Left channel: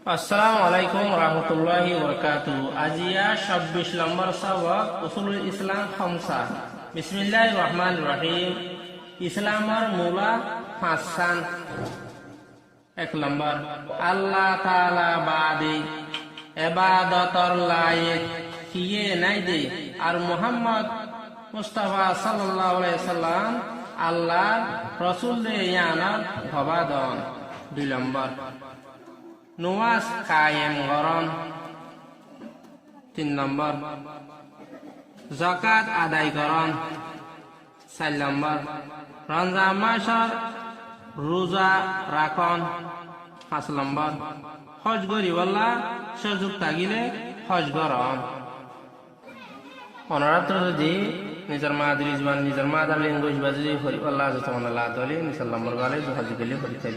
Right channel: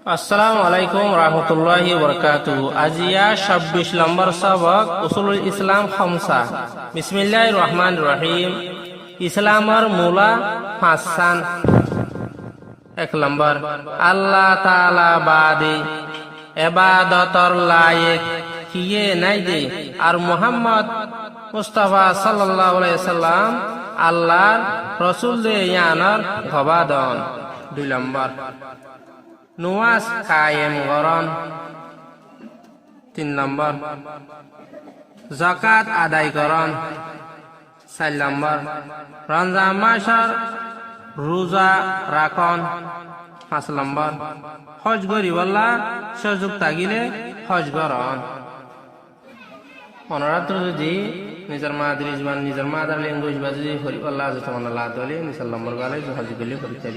আসসালামু আলাইকুম রহমতুল্লাহি বরকাতুহু। আজিয়া ২৬ নম্বর সবক উসুলুল ইসলাম খামসা। বিসমিল্লাহির রহমানির রহিম। ইসলামর মূলা পাঁচসান। ১ নম্বর, আল্লাহ তাআলা বাদে ইবাদতর লায়েক কিয়ে নাই দে, আর মুহাম্মদ মুস্তাফা সাল্লাল্লাহু আলাইহি সাল্লাম আল্লাহর রাসূল দে ইয়ানর গবাদন। ২ নম্বর, নুয়াজ কায়েম করন। ৩ নম্বর, যাকাত আদায় করন। ৪ নম্বর, রমজান মাসের রোজা রাখন। ৫ নম্বর, হজ করিবল্লা সুযোগ থাকিলে হজ করন। অনরাত্র যদি নিজের মাদ্রি জবান নিজের মাদার ল্যাঙ্গুয়েজ বা যদি হরিবল্লাহ যতমান আল্লাহ তাআলা ৩ নম্বর গালে হজ করলে হরিতে